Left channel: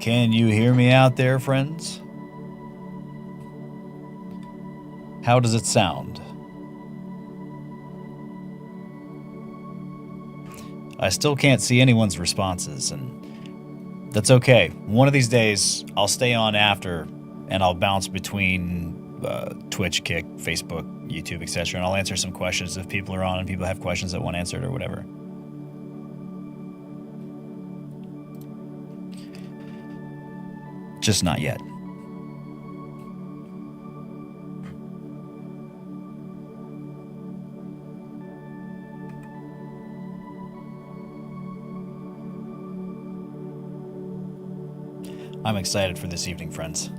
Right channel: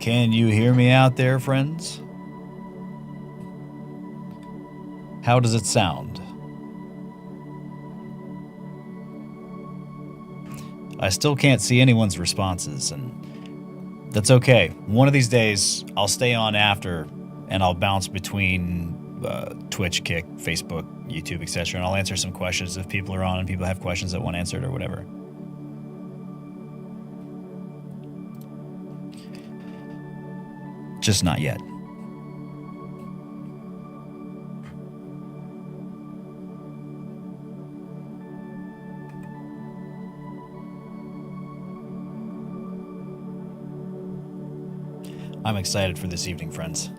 Can you hear me out there, friends? How does it sound? I still can't see anyone's responses, and that's okay. One of these days, I'll stay on after, and I'll bounce between Twitch, Kick, Facebook, YouTube, etc., and I'll answer some questions if people are on and people have questions that want answered or whatever. Just not yet. I'm excited for this evening, friends.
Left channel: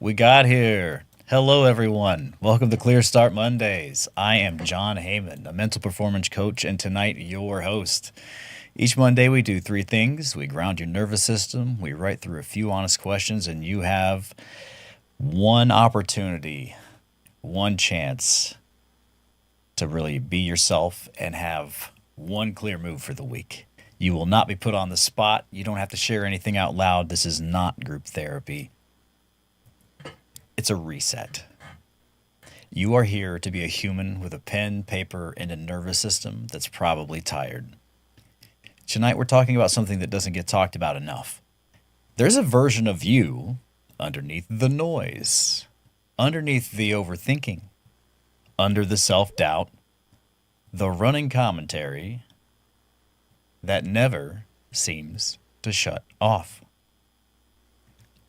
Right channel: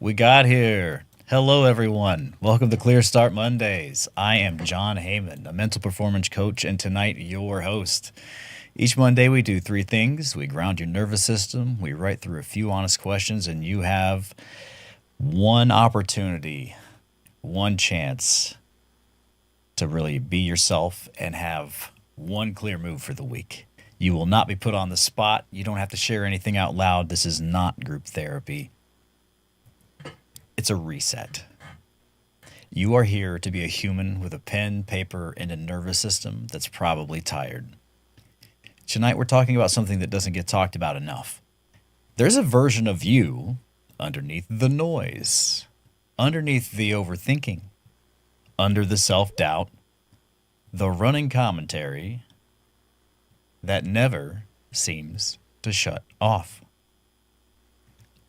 We got here. Hello, everyone. Welcome to Clear Start Mondays. I am John Hehman, a mental performance coach, and tonight, your host. Each Monday, we do three things. We ground your nervous system, we write through a few honest questions, and you have one opportunity, one chance to really be yourself and have one clear move for the week. You will not be put on the spot. You don't have to share anything out loud. This is not group therapy. It's a reset. You are here to be a human with a pen, paper, and a nervous system that's probably tired. Tonight we're talking about something that doesn't get talked about enough. There's a version of you underneath the noise, underneath the overthinking, under the self-doubt, the running commentary that never seems to shut off.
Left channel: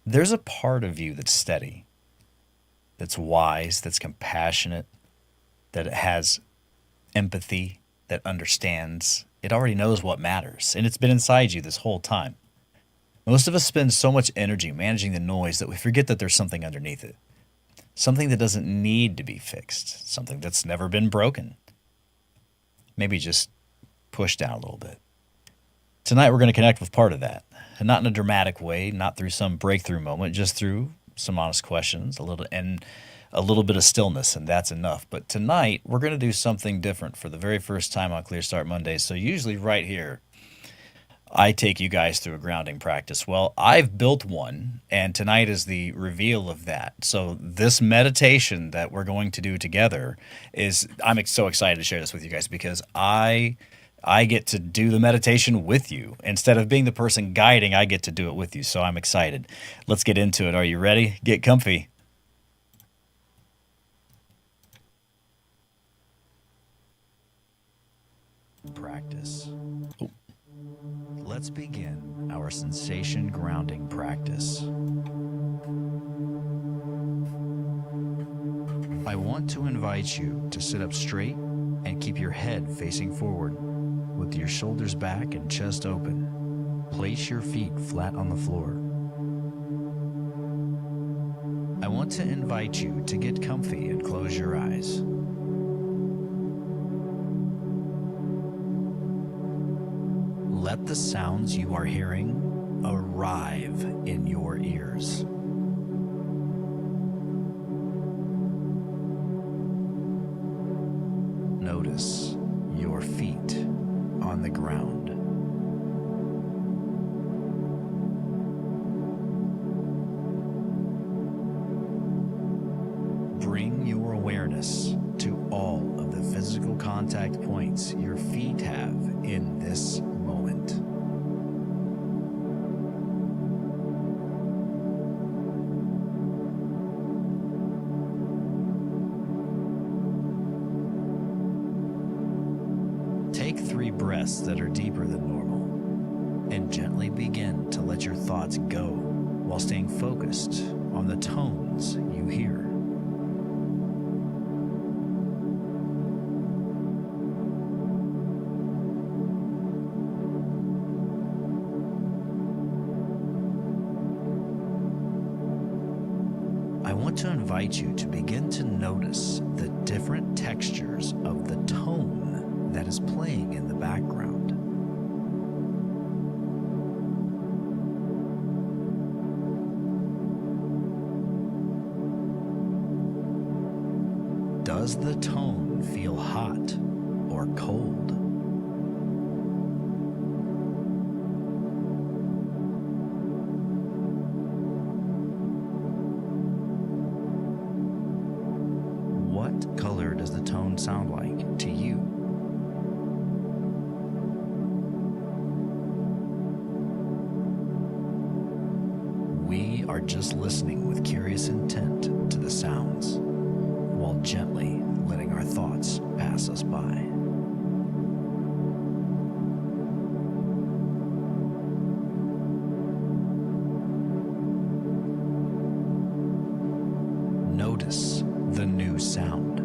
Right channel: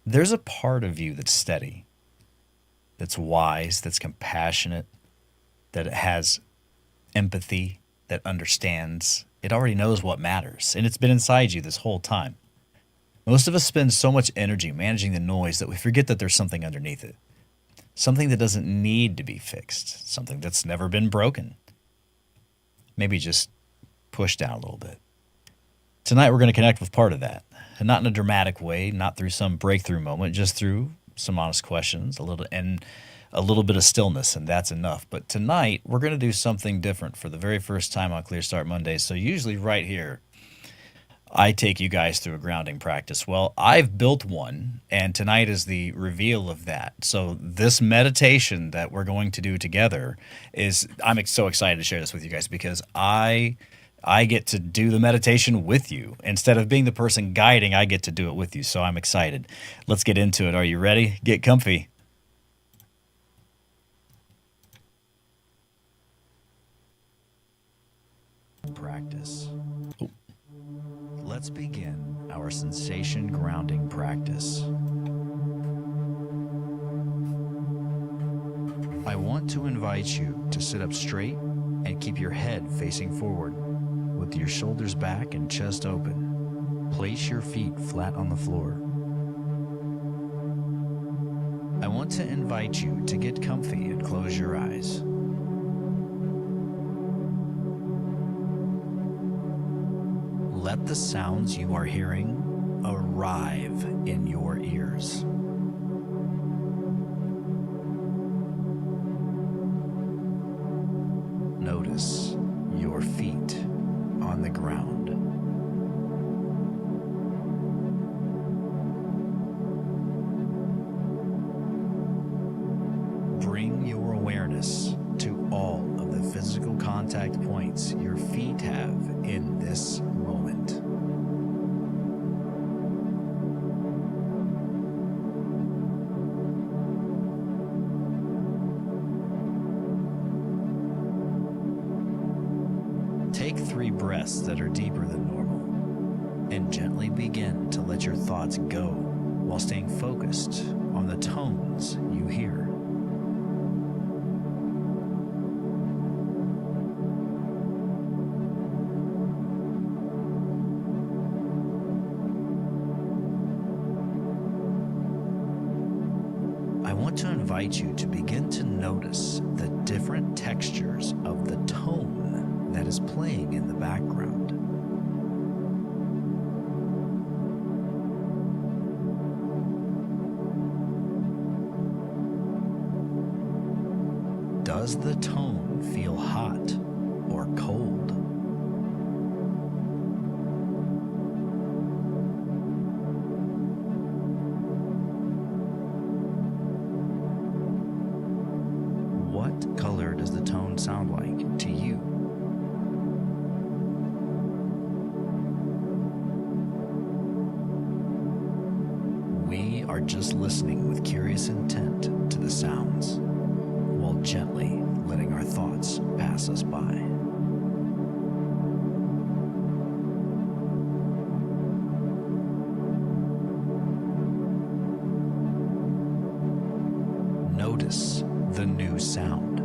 There's a part of you that's steady, that's wise, that's compassionate, that has empathy, that understands. It already knows what matters, and it's been inside you this whole time. Most of us spend so much energy managing the noise that we forget that there's something underneath it. Something that doesn't need to be fixed. Something that's never been broken. Maybe just pushed down a little bit. Tonight we're going to connect with part of that. And not in a dramatic way, not through some breakthrough moment, just through some honest questions, a little bit of stillness, and that's enough. But tonight, we're going to do something different for the very first time on Clear Start Mondays. So usually right here, I take you guys through a grounding practice. Well, I've built one, and tonight is the reveal of that. So this meditation that we're going to do together I'm so excited to share this with you guys because I get to do the meditation with you. Instead of being the person guiding, I get to do it with you. So I'm excited. Let's get into it. Are you ready? Get comfy. Practice. Let's begin our sensation grounding practice. I want to invite you to sit up straight and keep your head facing forward. With your shoulders back and chest open, place your feet flat on the floor. I want to invite you to get comfy and close your eyes. Let the sounds you are hearing arrive in your ears. Notice your feet on the ground. Bring your awareness to all of the physical contact points your feet have in this moment. Take 3 breaths that are deeper than normal and gently begin to let your thoughts go while staying focused on the tones you hear. I I want to invite you to begin to notice the different textures of the tone that is playing in the background. Does the tone feel hot or cold? What color does the tone sound like to you? We are just listening with curious intent to the sounds, while gently letting our thoughts pass us by. Notice the new sound.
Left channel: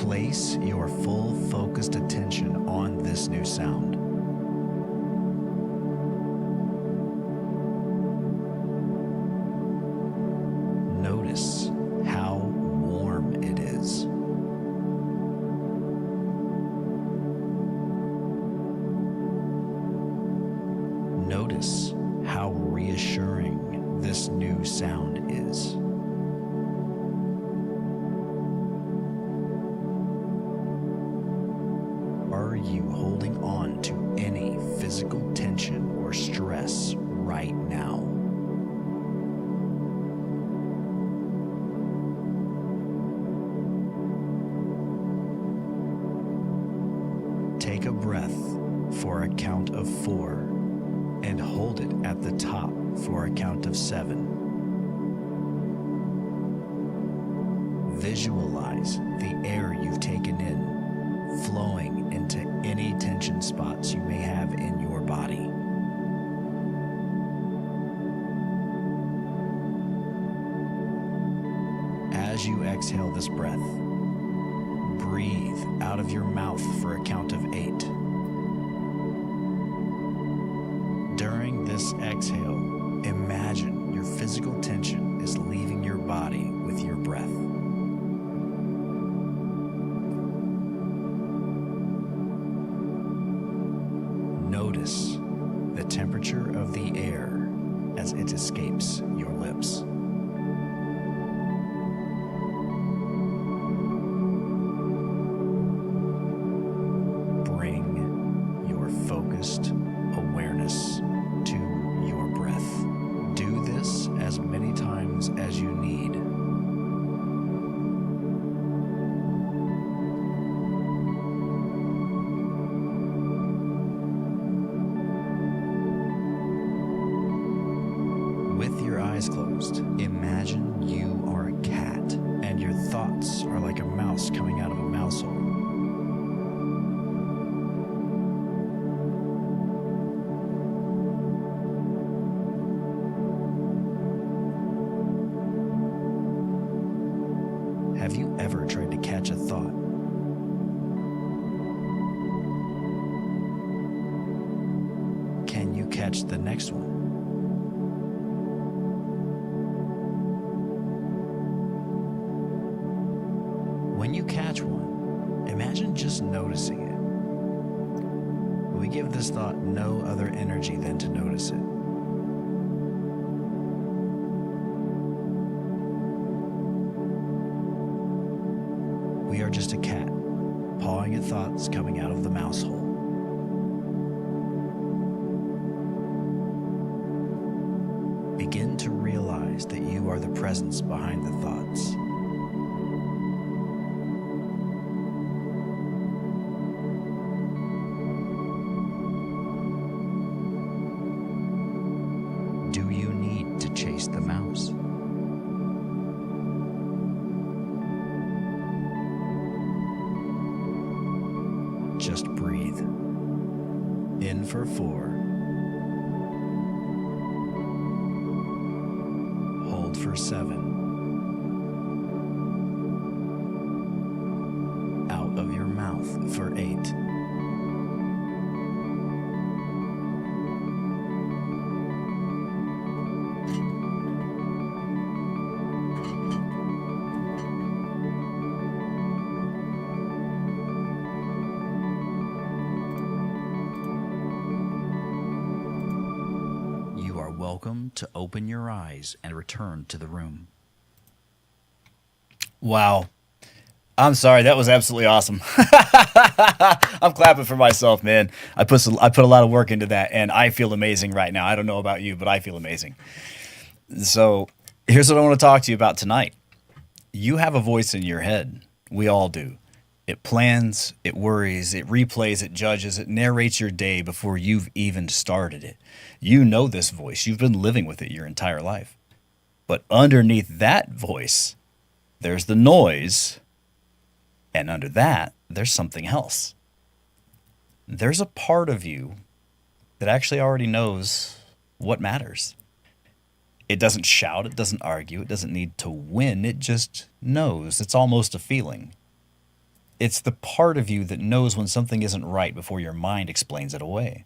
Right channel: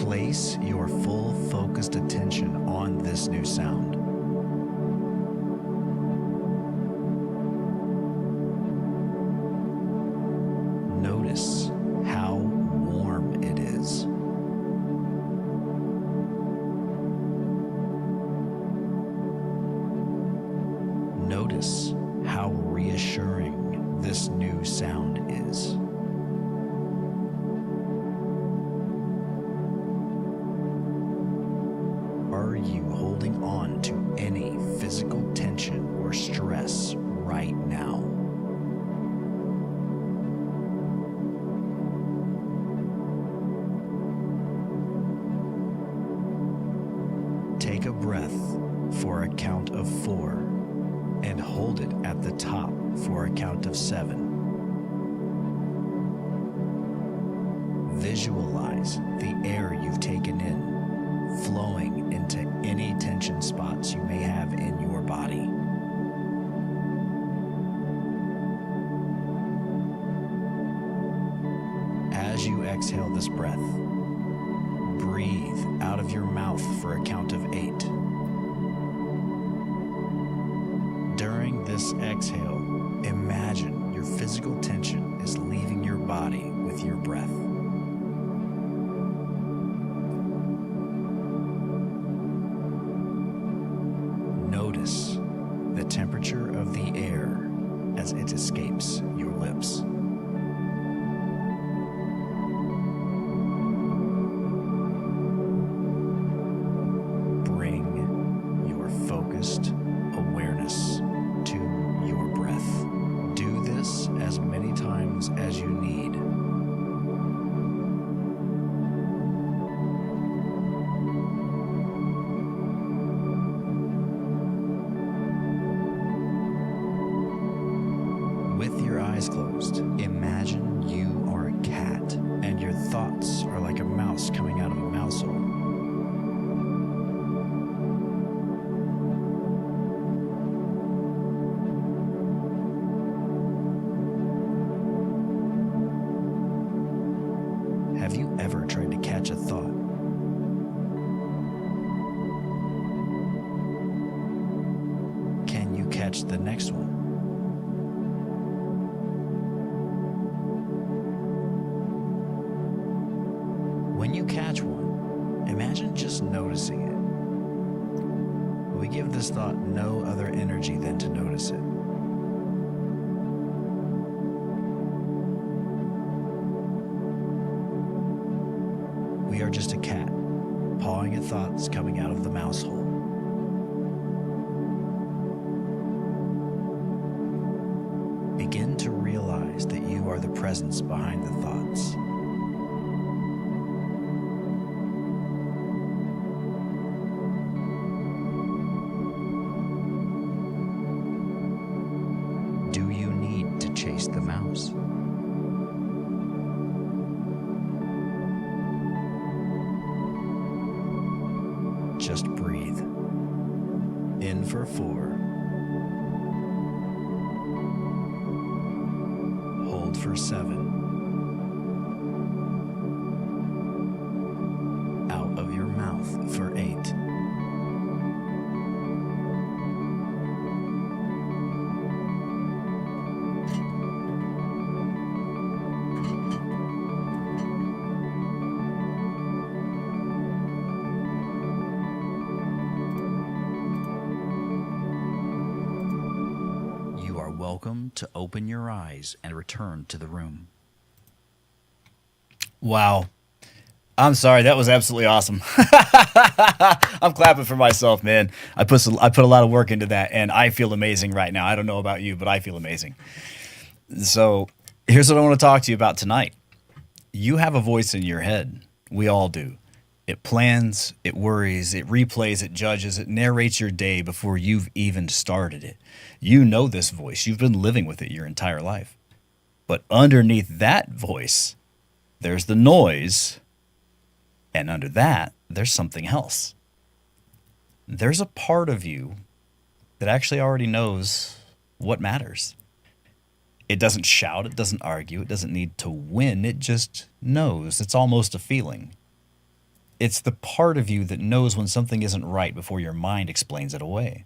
Place your full focused attention on this new sound. Notice how warm it is. Notice how reassuring this new sound is. Are you holding on to any physical tension or stress right now? Take a breath for a count of 4 and hold it at the top for a count of 7. Visualize the air you've taken in flowing into any tension spots you may have in your body. As you exhale this breath, breathe out of your mouth for a count of 8. During this exhale, imagine your physical tension is leaving your body with your breath. Notice the temperature of the air as it escapes your lips. Bring your focused awareness to your breath. Do this as many times as you need. With your eyes closed, imagine you are a cat and your thoughts are like a mouse coming out of a mouse hole. Have you ever tried to catch a thought? Can you catch the next one? When you catch one, imagine just noticing it. We give this thought no other energy than to notice it. We are just a cat, pawing at thoughts coming out of the mouse hole. Begin to realize that you are the presence behind the thoughts. Do you need to chase the mouse? Just breathe. In for 4. Hold for 7. Out of your mouth for 8. welcome to open your eyes and return to the room. Wow. I'm sorry. That was absolutely awesome. I'm clapping for myself, man. I put a lot of work into that, and I feel amazing right now. I don't know about you, but I feel amazing. So here's what I want to talk to you about tonight. You have a voice in your head. We all do. It plans, it worries, it replays, it judges, it narrates your day before you've even started it. You know this voice. You've been living with it your entire life. But underneath that voice, there's the noise, and under that, there's something else. There's a part of you that actually already knows what matters. It doesn't shout, it doesn't argue, it doesn't need to win, it just knows. It's almost a feeling. It's the part of you that knows when something isn't right before your mind explains it away.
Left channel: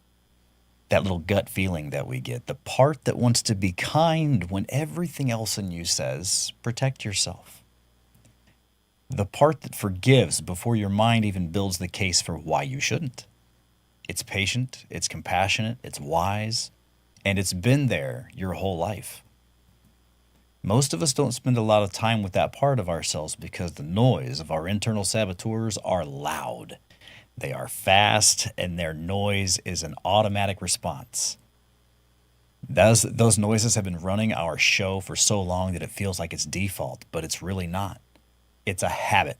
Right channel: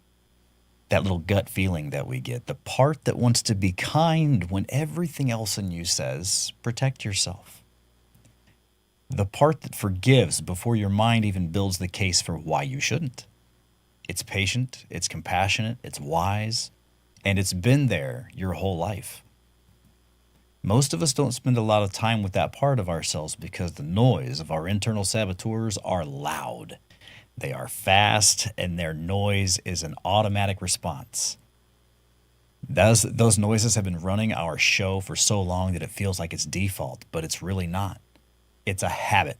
That little gut feeling that we get, the part that wants to be kind when everything else in you says, protect yourself. The part that forgives before your mind even builds the case for why you shouldn't. It's patient, it's compassionate, it's wise, and it's been there your whole life. Most of us don't spend a lot of time with that part of ourselves because the noise of our internal saboteurs are loud. They are fast, and their noise is an automatic response. Those noises have been running our show for so long that it feels like it's default, but it's really not. It's a habit.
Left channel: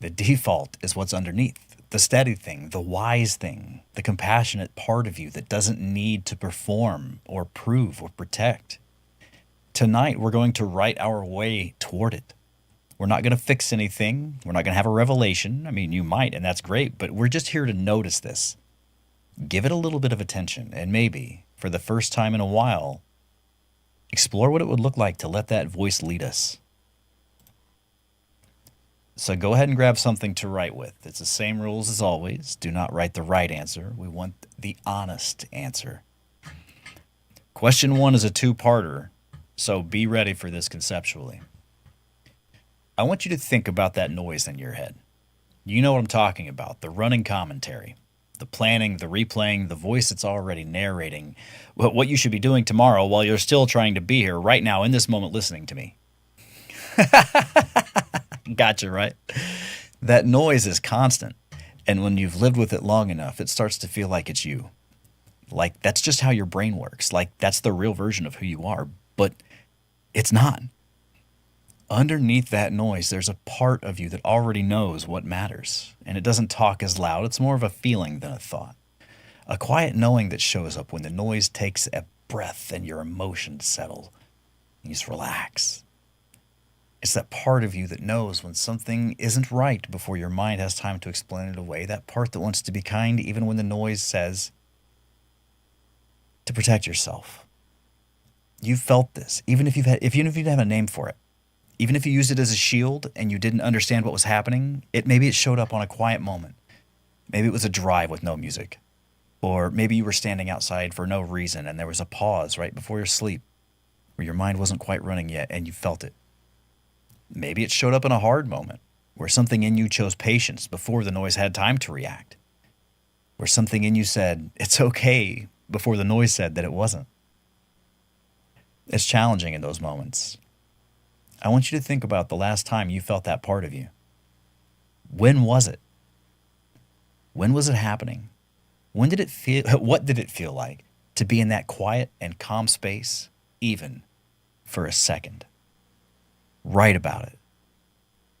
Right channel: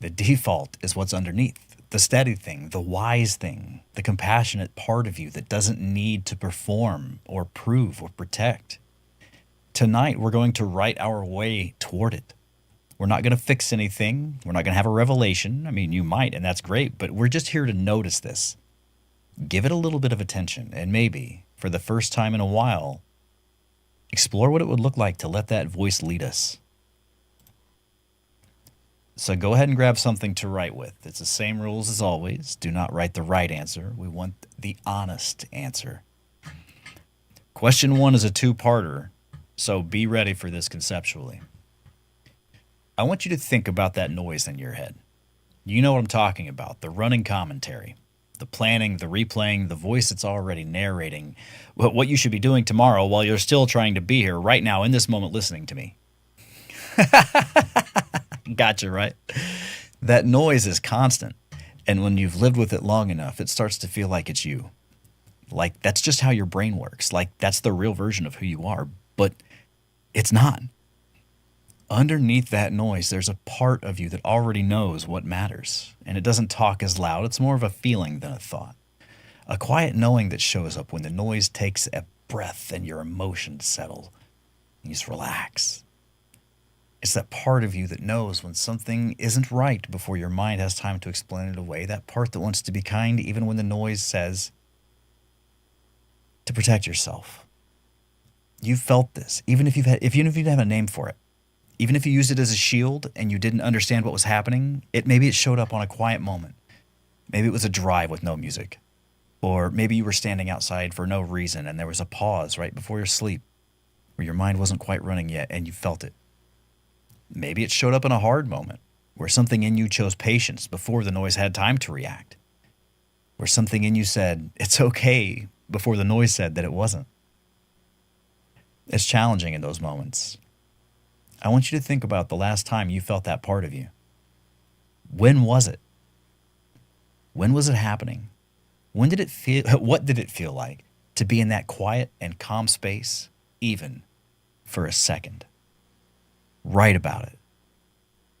The default is what's underneath, the steady thing, the wise thing, the compassionate part of you that doesn't need to perform or prove or protect. Tonight, we're going to write our way toward it. We're not going to fix anything. We're not going to have a revelation. I mean, you might, and that's great, but we're just here to notice this. Give it a little bit of attention, and maybe, for the first time in a while, explore what it would look like to let that voice lead us. So go ahead and grab something to write with. It's the same rules as always. Do not write the right answer. We want the honest answer. Question 1 is a two-parter, so be ready for this conceptually. I want you to think about that noise in your head. You know what I'm talking about, the running commentary, the planning, the replaying, the voice that's already narrating what you should be doing tomorrow while you're still trying to be here right now in this moment listening to me. Gotcha, right? That noise is constant, and when you've lived with it long enough, it starts to feel like it's you. Like that's just how your brain works. Like that's the real version of who you are, but it's not. Underneath that noise, there's a part of you that already knows what matters, and it doesn't talk as loud. It's more of a feeling than a thought. A quiet knowing that shows up when the noise takes a breath and your emotions settle. You just relax. It's that part of you that knows when something isn't right before your mind has time to explain it away. That part that wants to be kind even when the noise says to protect yourself. You've felt this, even if you didn't have a name for it. Even if you used it as a shield and you didn't understand what was happening, maybe it showed up on a quiet moment. Maybe it was a drive with no music. Or maybe you were standing outside for no reason and there was a pause right before your sleep where your mind wasn't quite running yet and you felt it. Maybe it showed up in a hard moment where something in you chose patience before the noise had time to react. Where something in you said, it's okay, before the noise said that it wasn't. It's challenging in those moments. I want you to think about the last time you felt that part of you. When was it? When was it happening? When did it feel? What did it feel like to be in that quiet and calm space, even for a second? Write about it.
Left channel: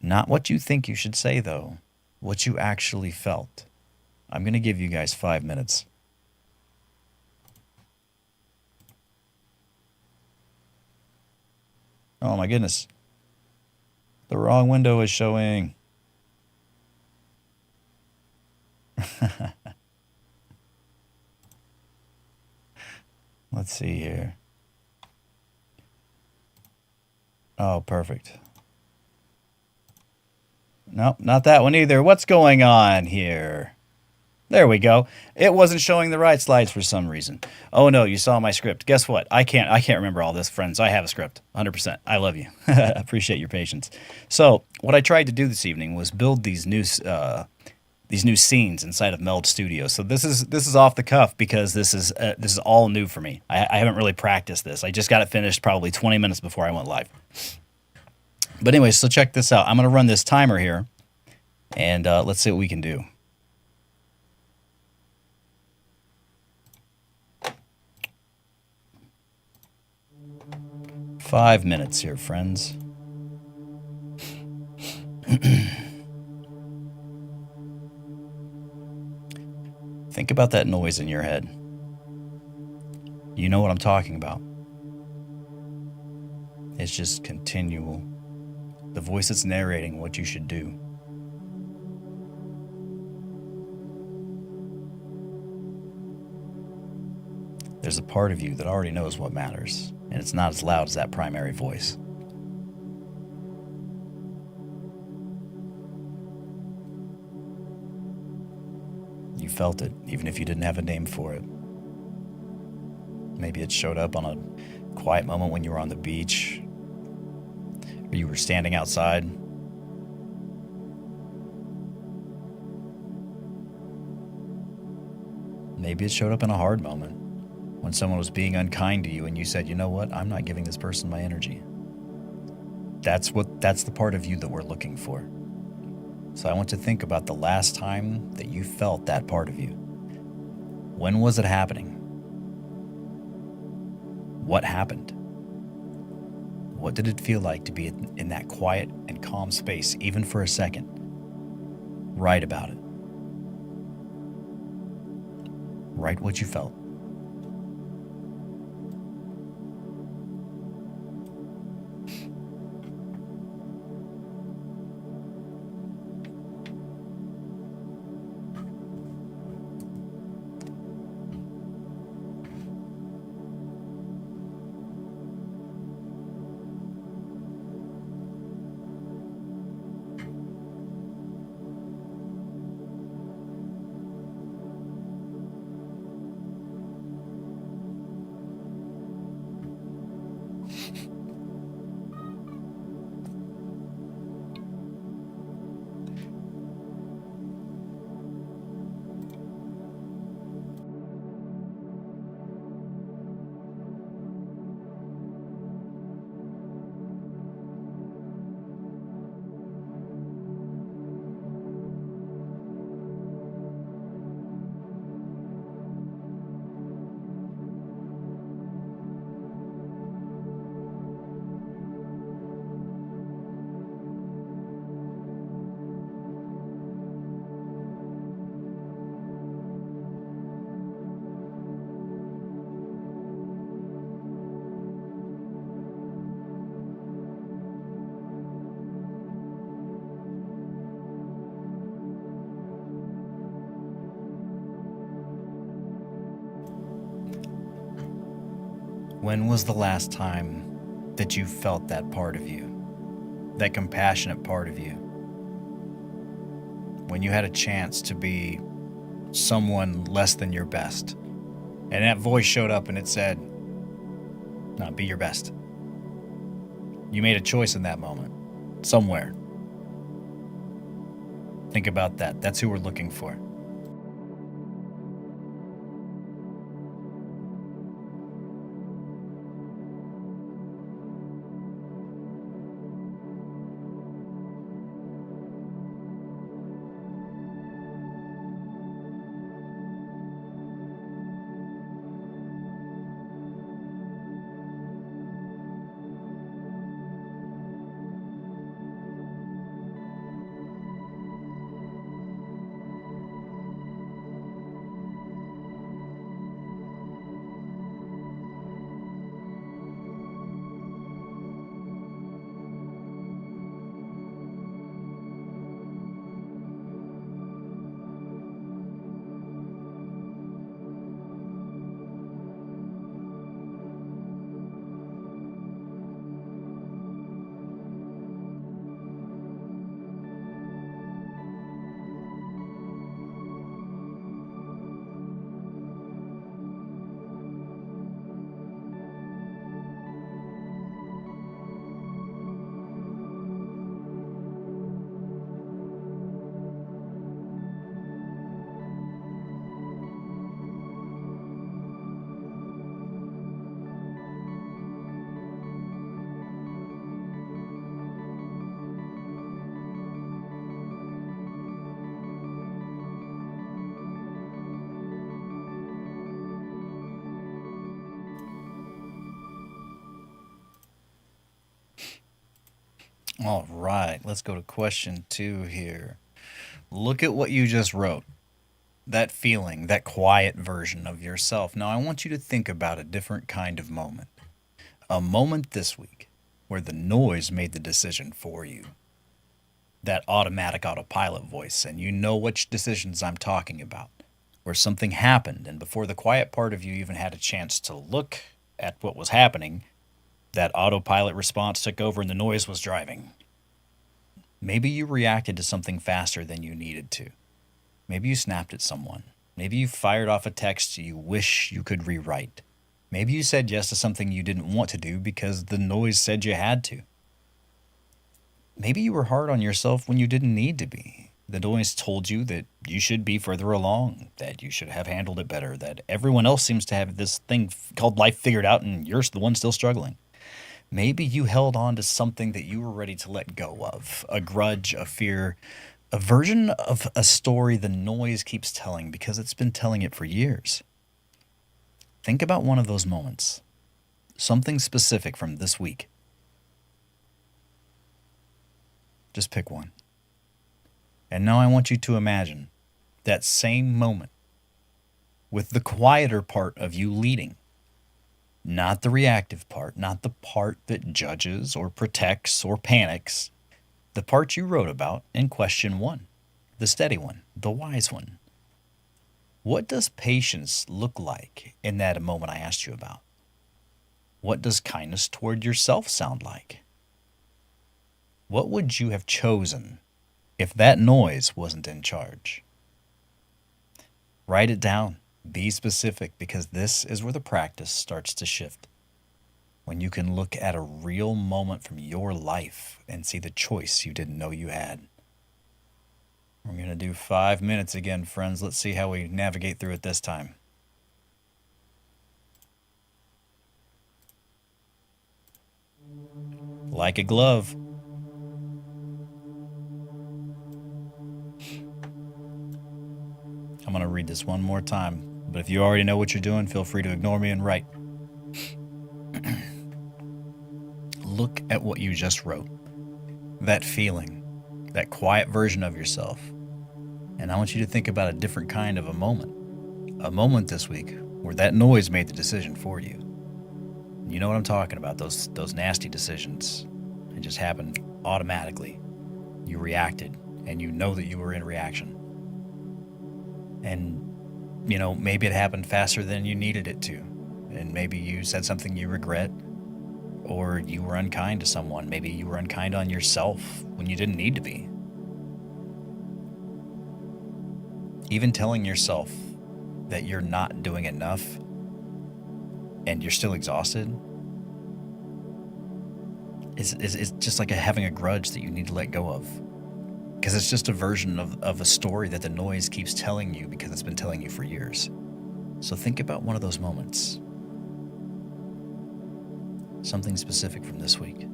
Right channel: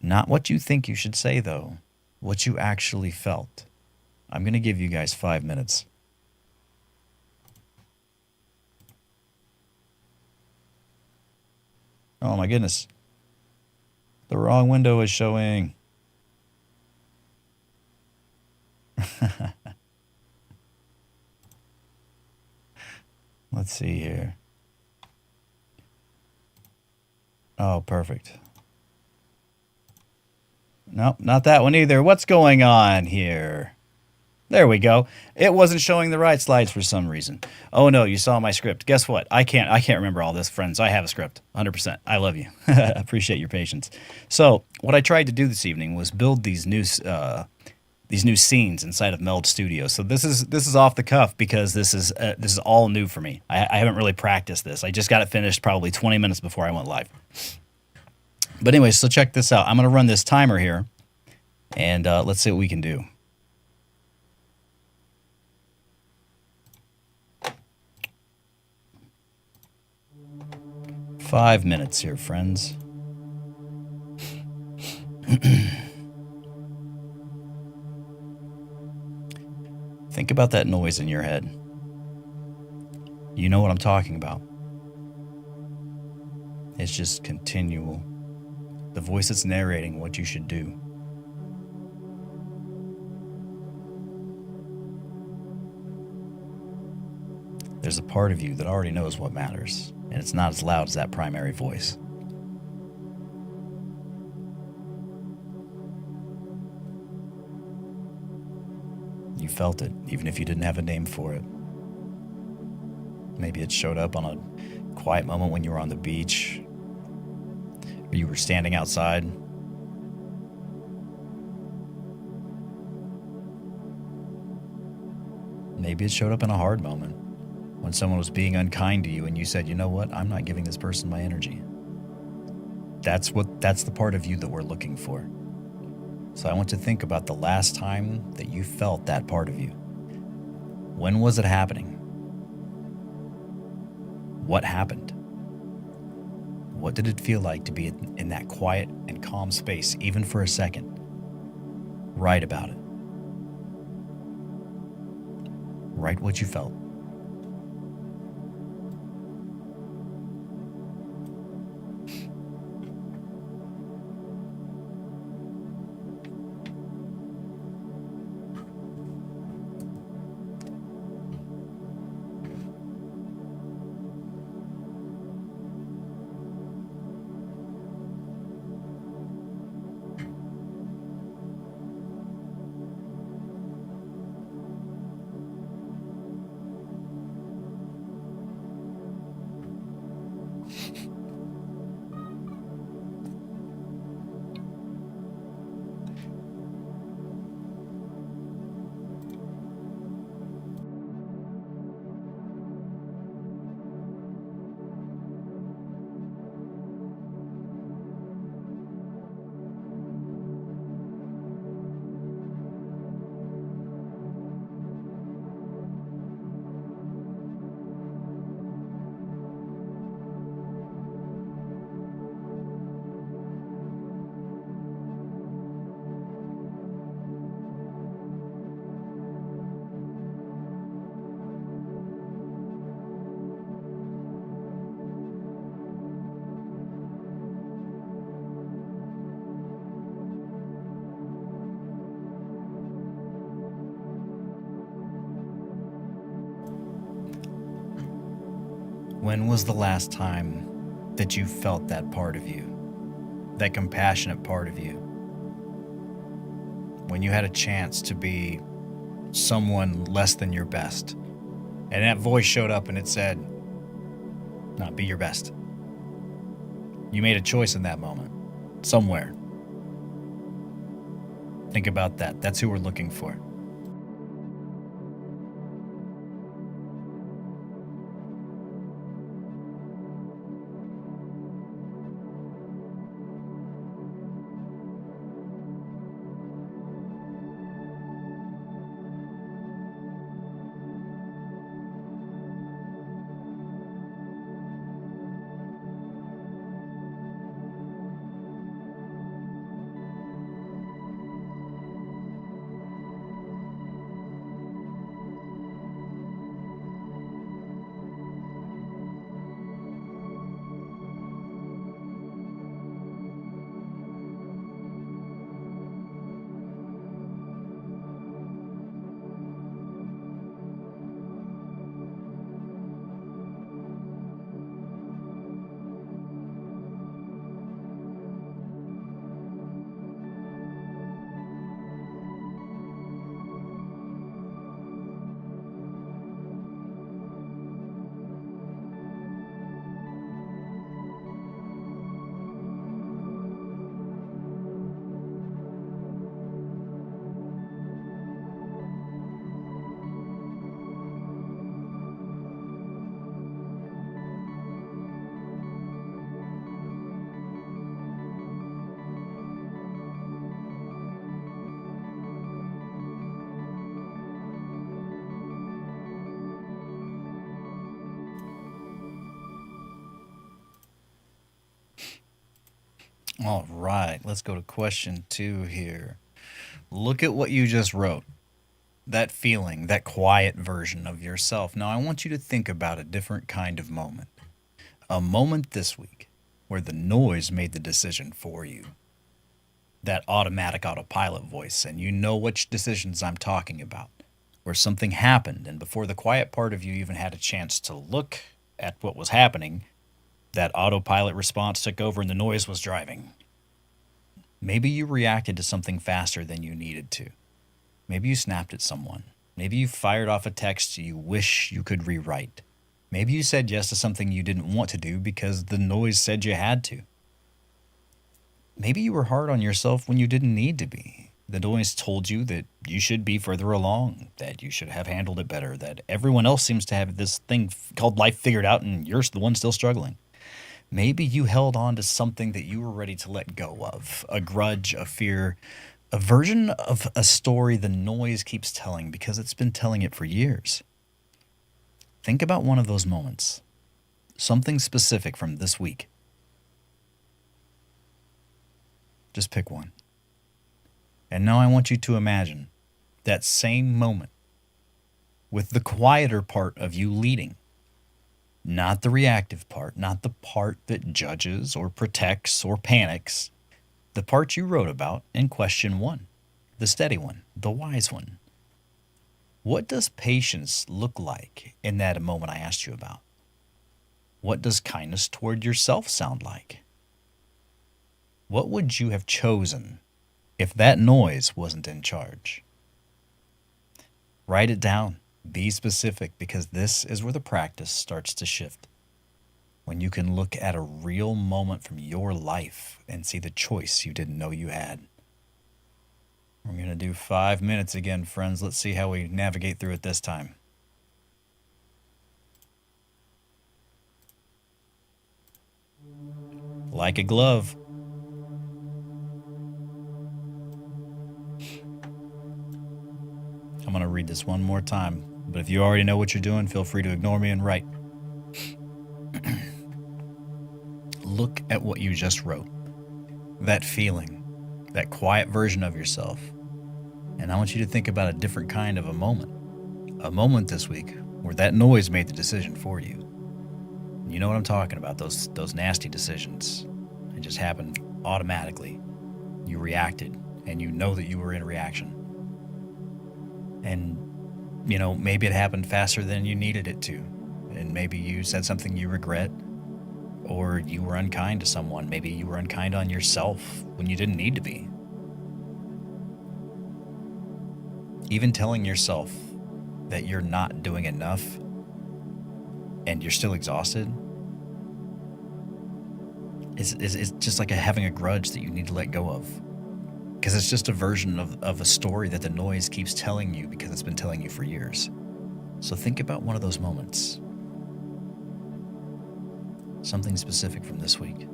Not what you think you should say, though. What you actually felt. I'm going to give you guys 5 minutes. Oh my goodness. The wrong window is showing. Let's see here. Oh, perfect. Nope, not that one either. What's going on here? There we go. It wasn't showing the right slides for some reason. Oh no, you saw my script. Guess what? I can't remember all this, friends. I have a script. 100%. I love you. Appreciate your patience. So, what I tried to do this evening was build these new these new scenes inside of Meld Studio. So this is off the cuff because this is all new for me. I haven't really practiced this. I just got it finished probably 20 minutes before I went live. But anyway, so check this out. I'm going to run this timer here, and let's see what we can do. Five minutes here, friends. Think about that noise in your head. You know what I'm talking about. It's just continual. The voice that's narrating what you should do. There's a part of you that already knows what matters, and it's not as loud as that primary voice. You felt it, even if you didn't have a name for it. Maybe it showed up on a quiet moment when you were on the beach, or you were standing outside. Maybe it showed up in a hard moment, when someone was being unkind to you and you said, you know what, I'm not giving this person my energy. That's the part of you that we're looking for. So I want to think about the last time that you felt that part of you. When was it happening? What happened? What did it feel like to be in that quiet and calm space, even for a second? Write about it. Write what you felt. When was the last time that you felt that part of you? That compassionate part of you? When you had a chance to be someone less than your best, and that voice showed up and it said, "No, be your best." You made a choice in that moment, somewhere. Think about that. That's who we're looking for. All right, let's go to question 2 here. Look at what you just wrote. That feeling, that quiet version of yourself. Now, I want you to think about a different kind of moment. A moment this week where the noise made the decision for you. That automatic autopilot voice, and you know which decisions I'm talking about. Where something happened, and before the quiet part of you even had a chance to look at what was happening, that autopilot response took over and the noise was driving. Maybe you reacted to something faster than you needed to. Maybe you snapped at someone. Maybe you fired off a text you wish you could rewrite. Maybe you said yes to something you didn't want to do because the noise said you had to. Maybe you were hard on yourself when you didn't need to be. The noise told you that you should be further along, that you should have handled it better, that everyone else seems to have this thing called life figured out and you're the one still struggling. Maybe you held on to something that you were ready to let go of, a grudge, a fear, a version of a story the noise keeps telling because it's been telling it for years. Think about one of those moments, something specific from this week. Just pick one. And now I want you to imagine that same moment with the quieter part of you leading. Not the reactive part, not the part that judges or protects or panics. The part you wrote about in question 1, the steady one, the wise one. What does patience look like in that moment I asked you about? What does kindness toward yourself sound like? What would you have chosen if that noise wasn't in charge? Write it down. Be specific because this is where the practice starts to shift. When you can look at a real moment from your life and see the choice you didn't know you had. We're going to do 5 minutes again, friends. Let's see how we navigate through it this time. Like a glove. I'm going to read this one more time, but if you already know what you're doing, feel free to ignore me and write. Look at what you just wrote. That feeling, that quiet version of yourself. And I want you to think about a different kind of a moment. A moment this week where that noise made the decision for you. You know what I'm talking about, those nasty decisions. It just happened automatically. You reacted, and you know that you were in reaction. And, maybe it happened faster than you needed it to. And maybe you said something you regret, or you were unkind to someone. Maybe you were unkind on yourself when you didn't need to be. Even telling yourself that you're not doing enough and you're still exhausted is just like having a grudge that you need to let go of. Because it's just a version of a story that the noise keeps telling you because it's been telling you for years. So think about one of those moments. Something specific from this week.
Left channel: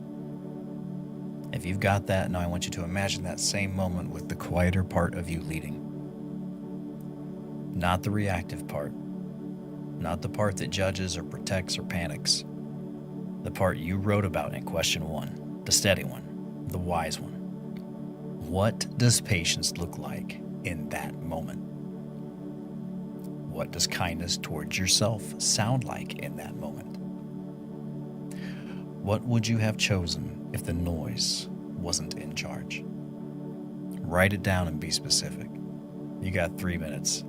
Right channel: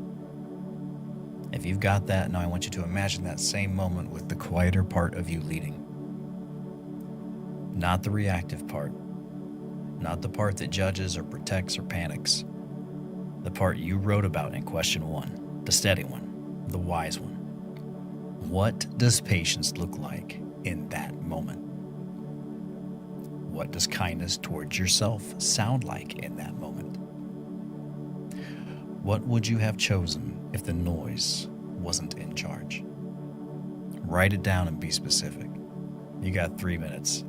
If you've got that, now I want you to imagine that same moment with the quieter part of you leading. Not the reactive part. Not the part that judges or protects or panics. The part you wrote about in question 1, the steady one, the wise one. What does patience look like in that moment? What does kindness towards yourself sound like in that moment? What would you have chosen if the noise wasn't in charge? Write it down and be specific. You got 3 minutes.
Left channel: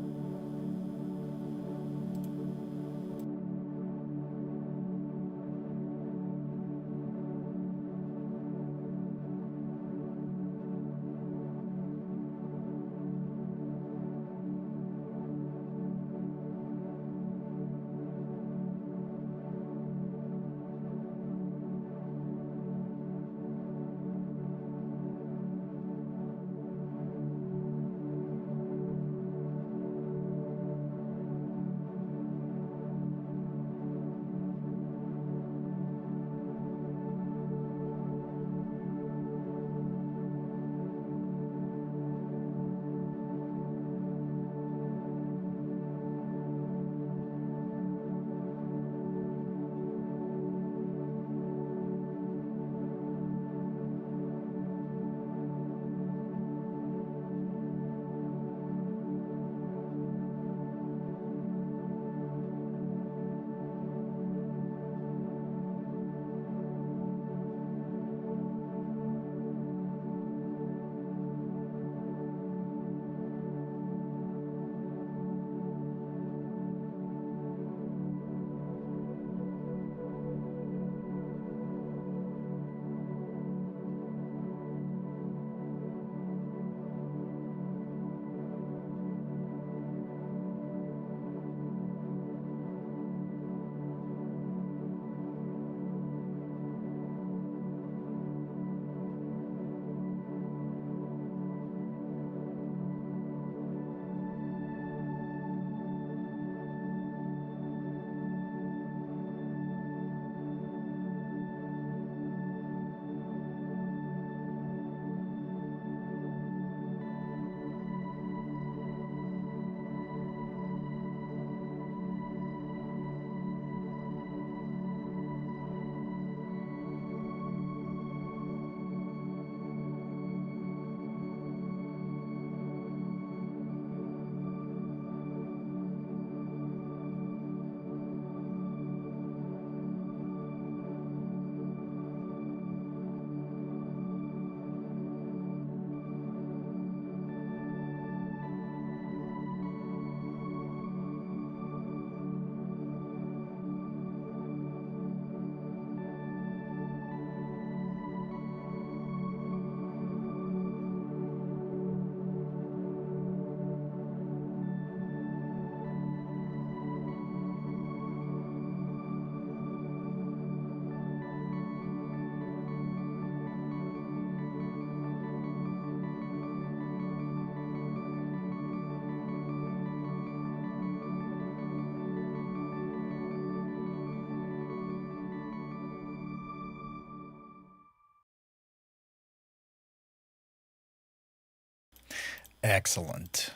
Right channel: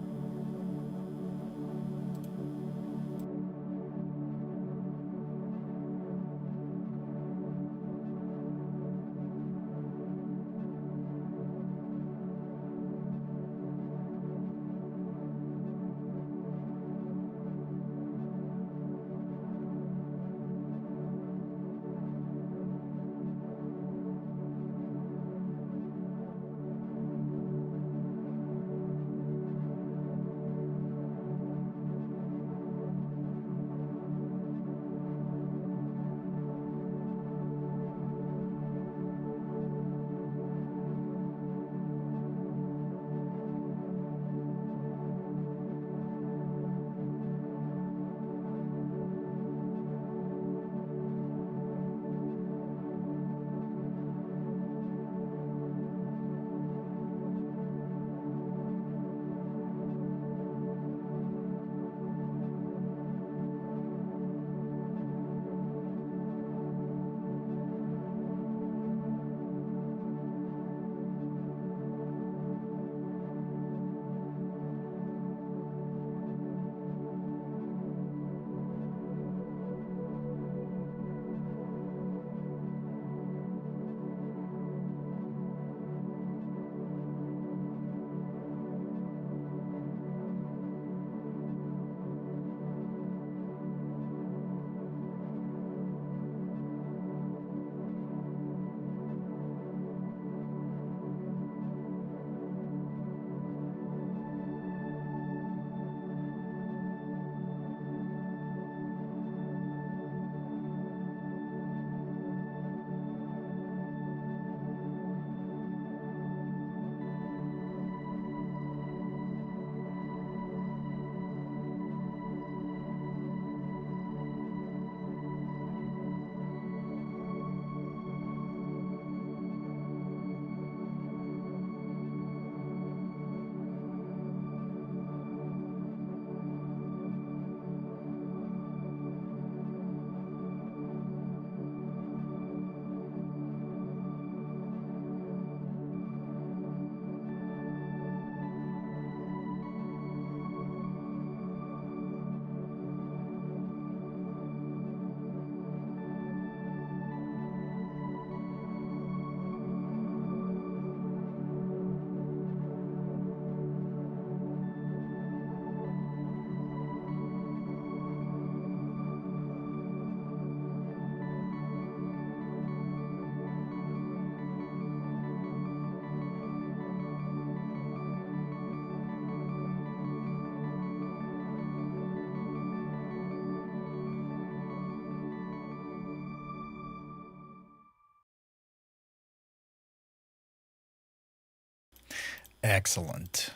Excellent.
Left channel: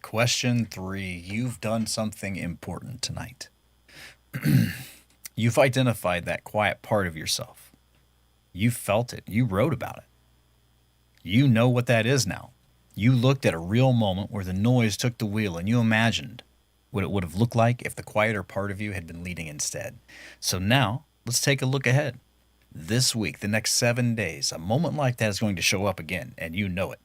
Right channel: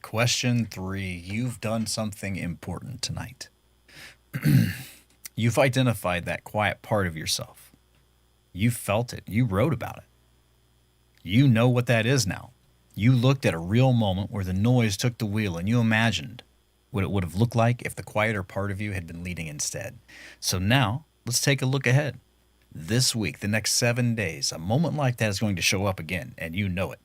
Question 3. You've done something important tonight. You've identified that quiet part of yourself. You felt it. You wrote about it. You know what that is now. You looked at a real moment where the noise took the wheel and you imagined what it would have looked like if the quieter part of you had been leading instead. So now, let's take a look ahead. This week, the next 7 days, a moment like that is going to show up again, and you know it.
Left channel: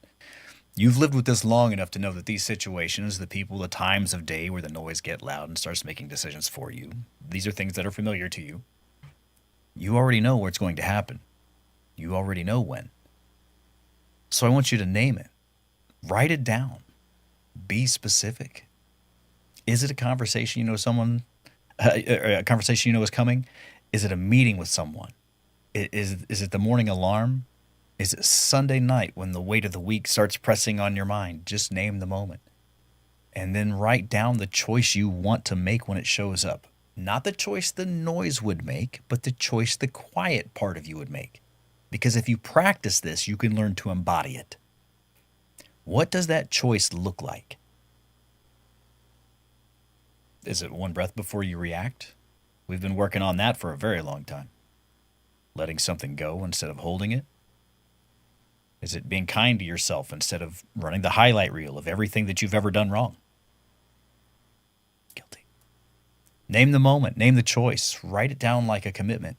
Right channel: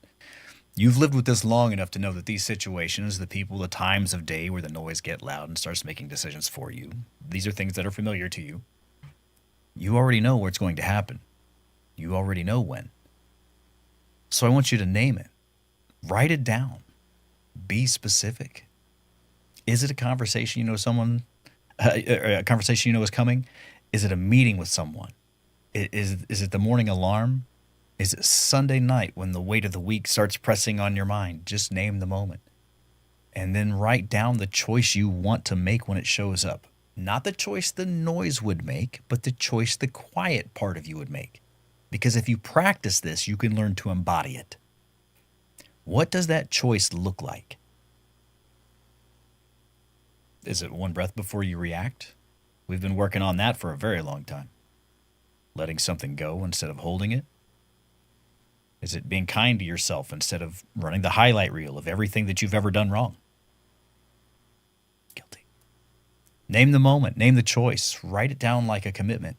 You've lived with this long enough to know that these situations, the people, the times of day where the noise get loud and starts making decisions for you, these are things that are familiar to you. You already know where it's going to happen. You already know when. So I want you to name it. Write it down. Be specific. Is it a conversation you know a conversation you know is coming? Is it a meeting with someone? Is it the morning alarm? Is it Sunday night when the weight of the week starts pressing on your mind? Just name the moment. And then write down the choice you want to make when it shows up. Not the choice the noise would make, but the choice the quiet part of you would make. Because if you practice this, you can learn to embody it. What does that choice look like? Is it one breath before you react? We've been working on that for a very long time. Letting something go instead of holding it? Is it being kind to yourself instead of running the highlight reel of everything that you've ever done wrong? Guilty. Name the moment, name the choice, write it down like a commitment.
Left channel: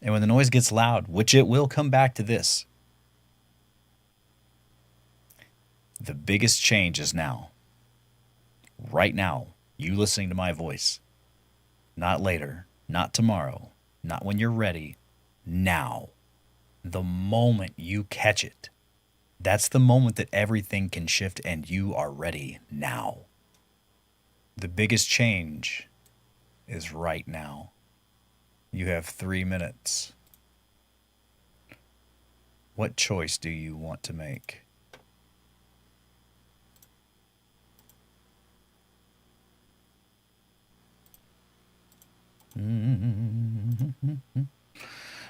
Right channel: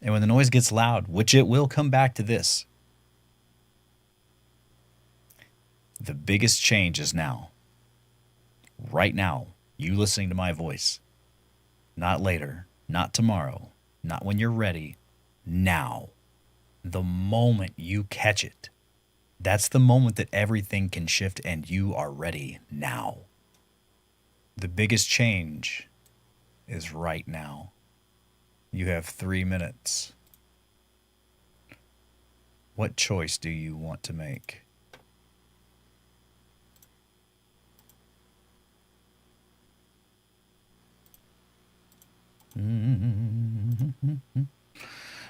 And when the noise gets loud, which it will come back to this, the biggest change is now. Right now, you listening to my voice. Not later, not tomorrow, not when you're ready. Now. The moment you catch it. That's the moment that everything can shift and you are ready now. The biggest change is right now. You have 3 minutes. What choice do you want to make?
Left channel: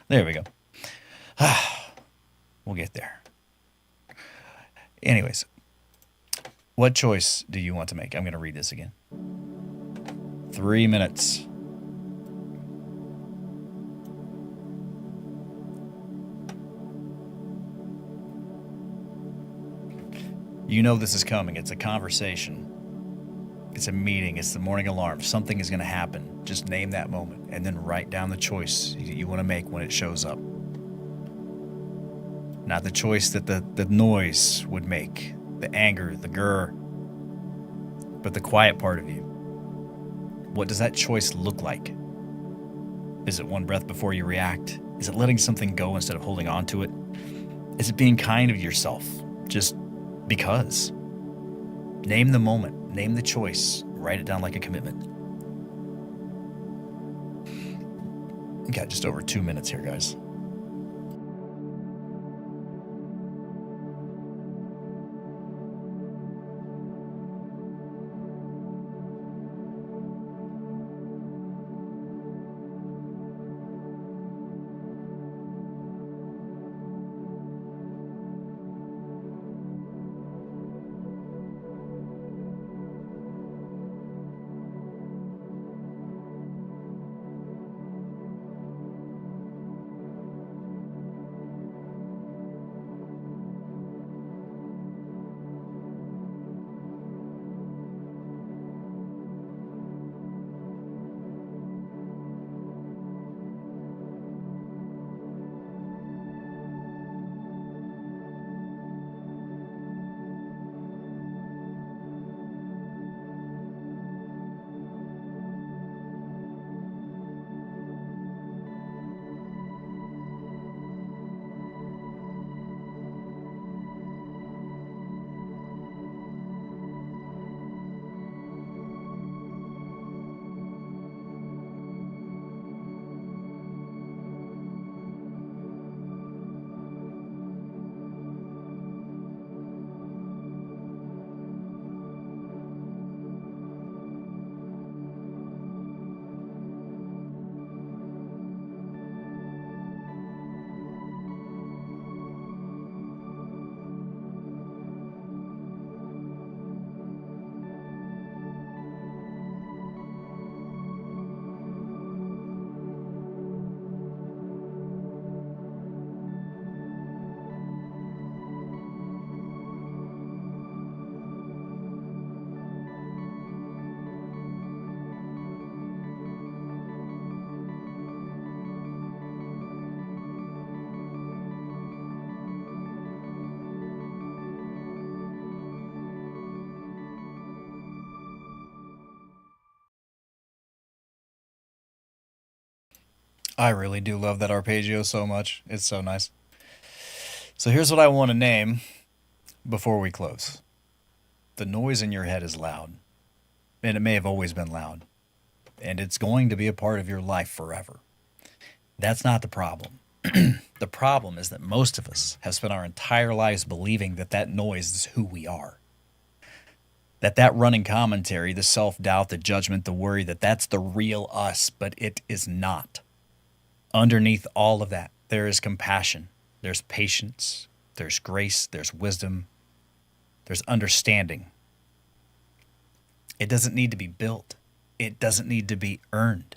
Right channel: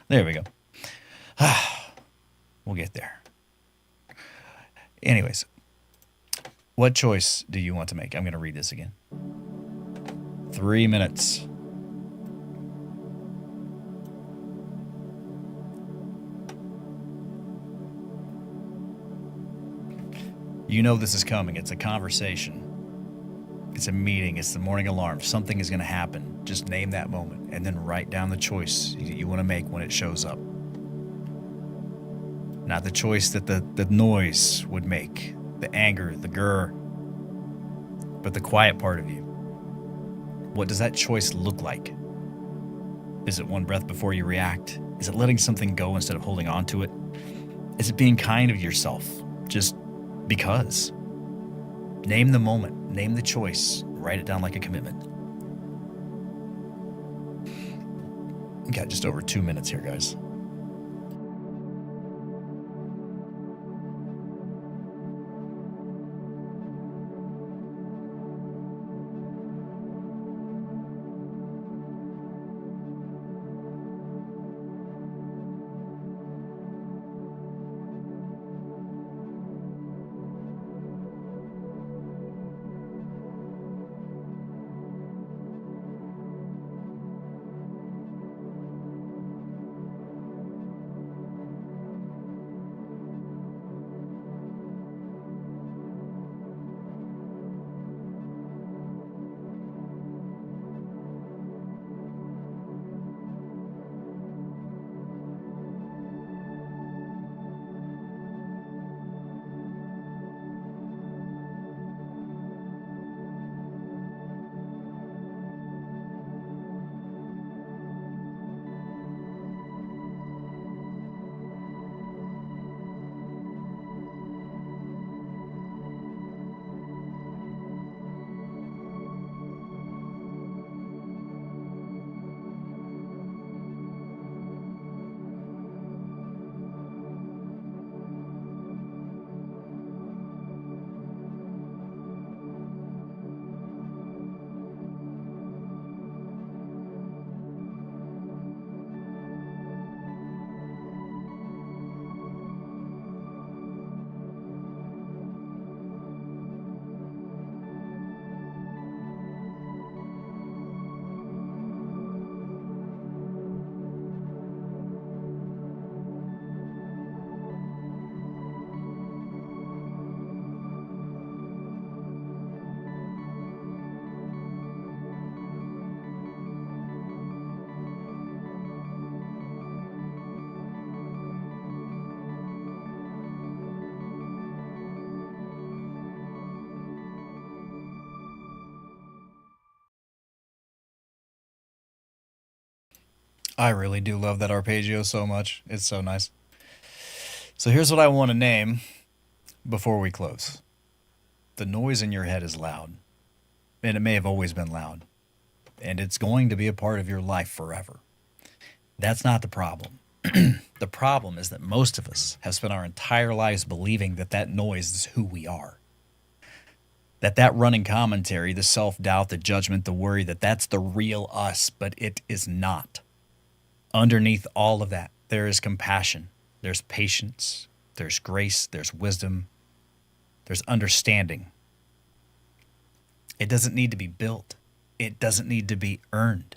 There we go. We'll get there. Anyways, what choice do you want to make? I'm going to read this again. 3 minutes. You know this is coming. It's a conversation. It's a meeting. It's the morning alarm. Something is going to happen. Just name that moment and then write down the choice you want to make when it shows up. Not the choice that the noise would make, the anger, the grr, but the quiet part of you. What does that choice look like? Is it one breath before you react? Is it letting something go instead of holding on to it? Is it being kind to yourself just because? Name the moment, name the choice, write it down like a commitment. We got just over 2 minutes here, guys. I really do love that arpeggio so much. It's so nice. So here's what I want to name before we close. The noise in your head is loud, and it may have always been loud, and it's going to be a part of your life forever. That's not the problem. The problem is that most of us have spent our entire lives believing that that noise is who we are. That running commentary, the self-doubt, the judgment, the worry, that's the real us, but it is not. Underneath all of that, there is compassion, there's patience, there's grace, there's wisdom, there's understanding. It doesn't need to be built. It doesn't need to be earned.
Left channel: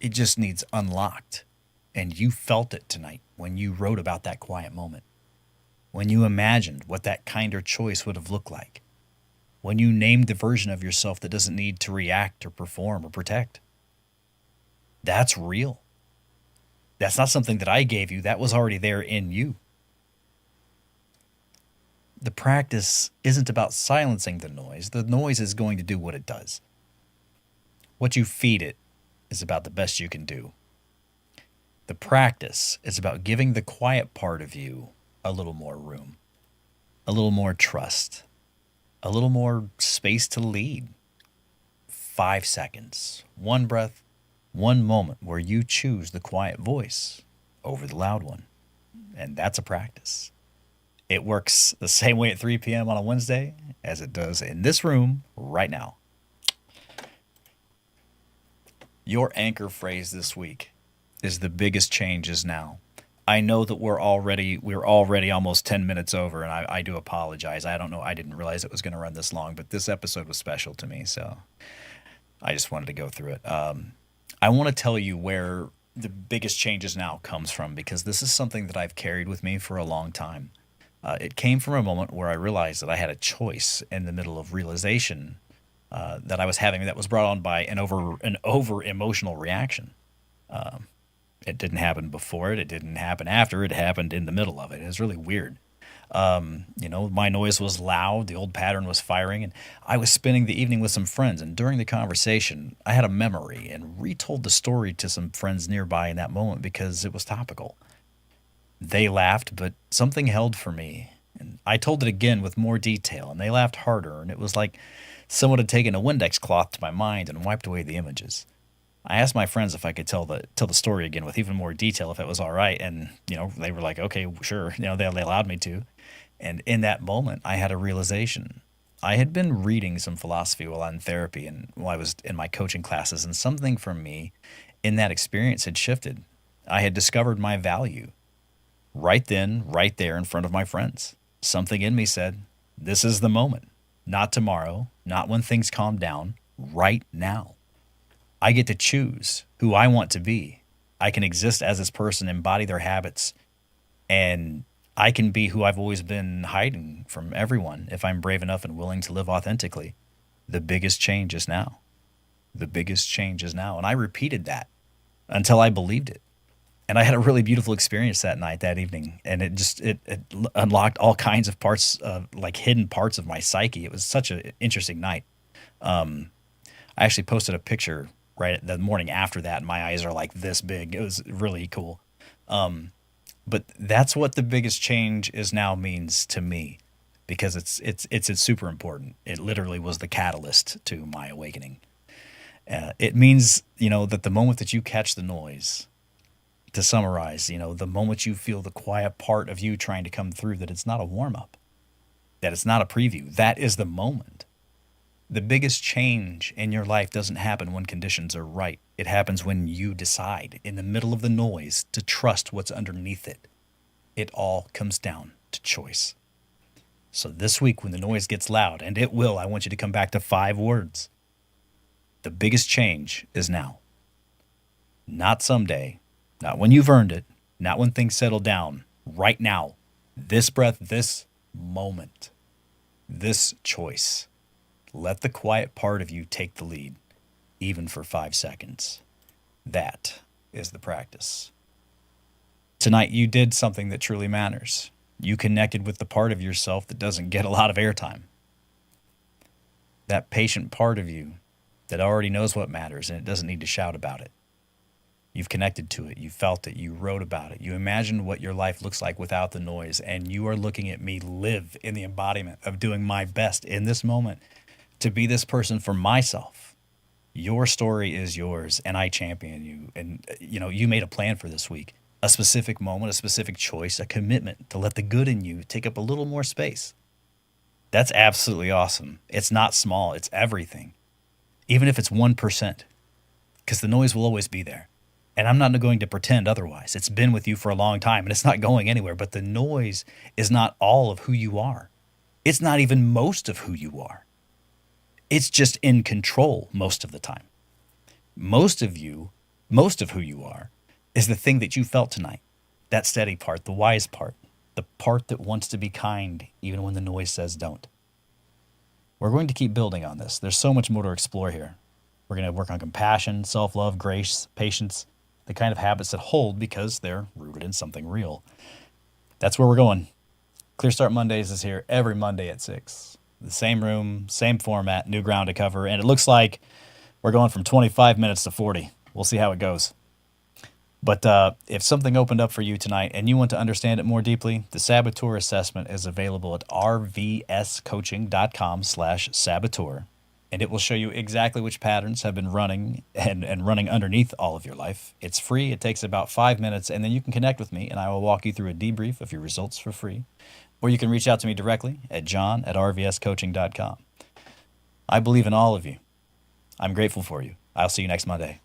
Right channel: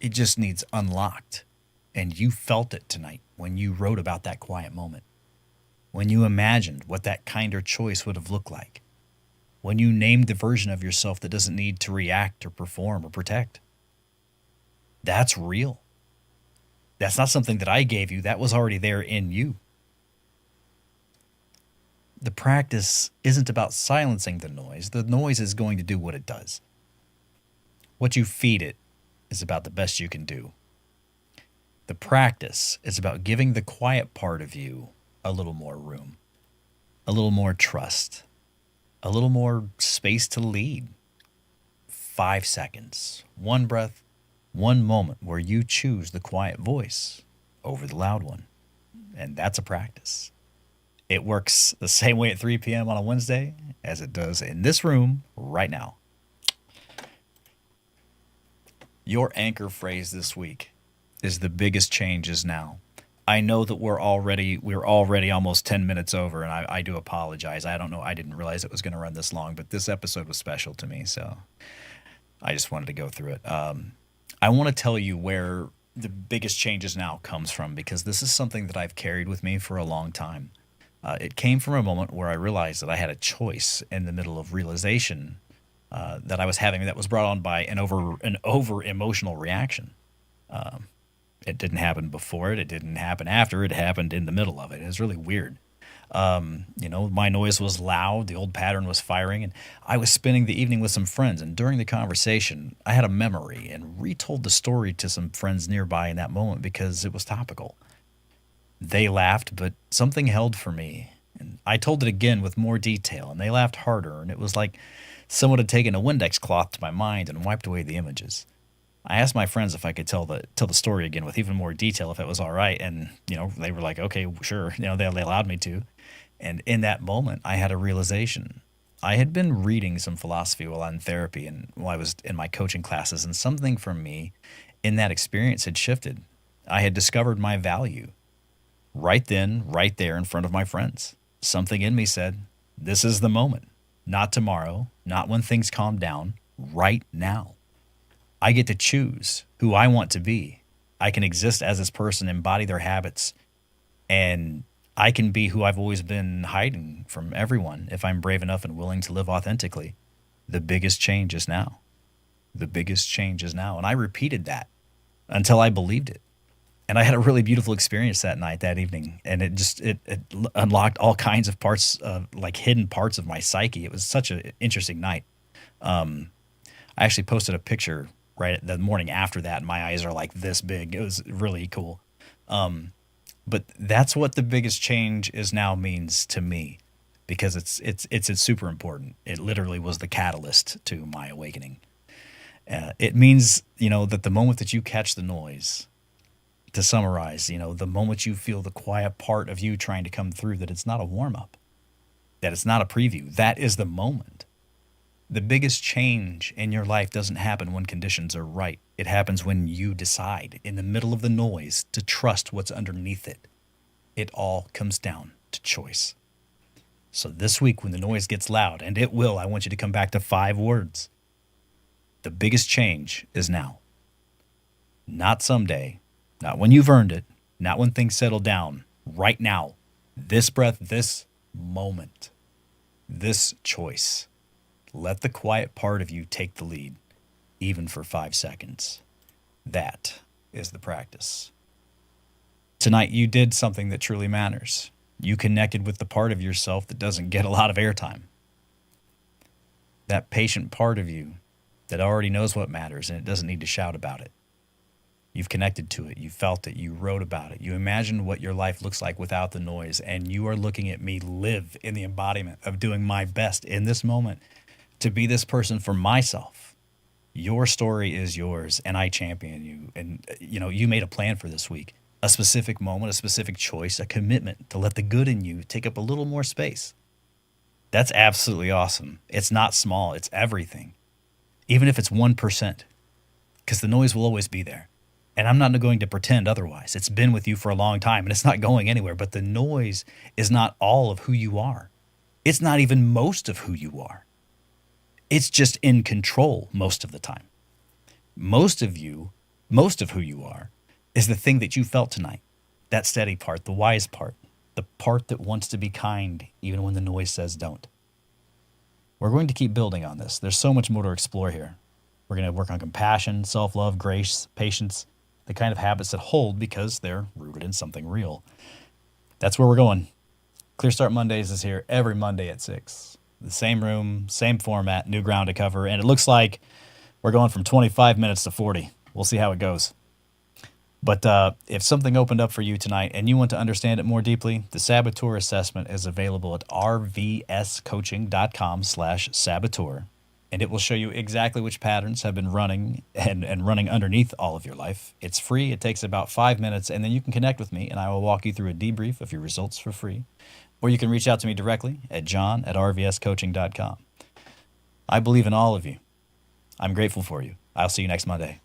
It just needs unlocked. And you felt it tonight when you wrote about that quiet moment, when you imagined what that kinder choice would have looked like, when you named the version of yourself that doesn't need to react or perform or protect. That's real. That's not something that I gave you. That was already there in you. The practice isn't about silencing the noise. The noise is going to do what it does. What you feed it is about the best you can do. The practice is about giving the quiet part of you a little more room, a little more trust, a little more space to lead. 5 seconds, one breath, one moment where you choose the quiet voice over the loud one. And that's a practice. It works the same way at 3 p.m. on a Wednesday as it does in this room right now. Your anchor phrase this week is the biggest change is now. I know that we're already almost 10 minutes over, and I do apologize. I don't know. I didn't realize it was going to run this long, but this episode was special to me, so I just wanted to go through it. I want to tell you where the biggest changes now comes from, because this is something that I've carried with me for a long time. It came from a moment where I realized that I had a choice in the middle of realization that I was having that was brought on by an over emotional reaction. It didn't happen before it. It didn't happen after. It happened in the middle of it. It was really weird. My noise was loud. The old pattern was firing, and I was spending the evening with some friends. And during the conversation, I had a memory and retold the story to some friends nearby in that moment because it was topical. They laughed, but something held for me. And I told it again with more detail, and they laughed harder. And it was like someone had taken a Windex cloth to my mind and wiped away the images. I asked my friends if I could tell the story again with even more detail, if it was all right. And, they were like, okay, sure. They allowed me to. And in that moment, I had a realization. I had been reading some philosophy while in therapy and while I was in my coaching classes, and something for me in that experience had shifted. I had discovered my value right then, right there in front of my friends. Something in me said, this is the moment, not tomorrow, not when things calm down, right now. I get to choose who I want to be. I can exist as this person, embody their habits, and I can be who I've always been hiding from everyone if I'm brave enough and willing to live authentically. The biggest change is now. The biggest change is now. And I repeated that until I believed it. And I had a really beautiful experience that night, that evening. And it unlocked all kinds of parts, like hidden parts of my psyche. It was such an interesting night. I actually posted a picture right the morning after that, and my eyes are like this big. It was really cool. But that's what the biggest change is now means to me, because it's super important. It literally was the catalyst to my awakening. It means, that the moment that you catch the noise, to summarize, the moment you feel the quiet part of you trying to come through, that it's not a warm-up, that it's not a preview. That is the moment. The biggest change in your life doesn't happen when conditions are right. It happens when you decide, in the middle of the noise, to trust what's underneath it. It all comes down to choice. So this week, when the noise gets loud, and it will, I want you to come back to 5 words. The biggest change is now. Not someday, not when you've earned it, not when things settle down. Right now, this breath, this moment, this choice. Let the quiet part of you take the lead, even for 5 seconds. That is the practice. Tonight, you did something that truly matters. You connected with the part of yourself that doesn't get a lot of airtime. That patient part of you that already knows what matters, and it doesn't need to shout about it. You've connected to it. You felt it. You wrote about it. You imagined what your life looks like without the noise. And you are looking at me live in the embodiment of doing my best in this moment to be this person for myself. Your story is yours, and I champion you. And, you made a plan for this week, a specific moment, a specific choice, a commitment to let the good in you take up a little more space. That's absolutely awesome. It's not small, it's everything. Even if it's 1%, because the noise will always be there. And I'm not going to pretend otherwise. It's been with you for a long time and it's not going anywhere. But the noise is not all of who you are. It's not even most of who you are. It's just in control most of the time. Most of you, most of who you are, is the thing that you felt tonight. That steady part, the wise part, the part that wants to be kind even when the noise says don't. We're going to keep building on this. There's so much more to explore here. We're going to work on compassion, self-love, grace, patience, the kind of habits that hold because they're rooted in something real. That's where we're going. Clear Start Mondays is here every Monday at 6. The same room, same format, new ground to cover, and it looks like we're going from 25 minutes to 40. We'll see how it goes. But if something opened up for you tonight and you want to understand it more deeply, the Saboteur Assessment is available at rvscoaching.com/saboteur. And it will show you exactly which patterns have been running and running underneath all of your life. It's free. It takes about 5 minutes, and then you can connect with me, and I will walk you through a debrief of your results for free. Or you can reach out to me directly at john@rvscoaching.com. I believe in all of you. I'm grateful for you. I'll see you next Monday.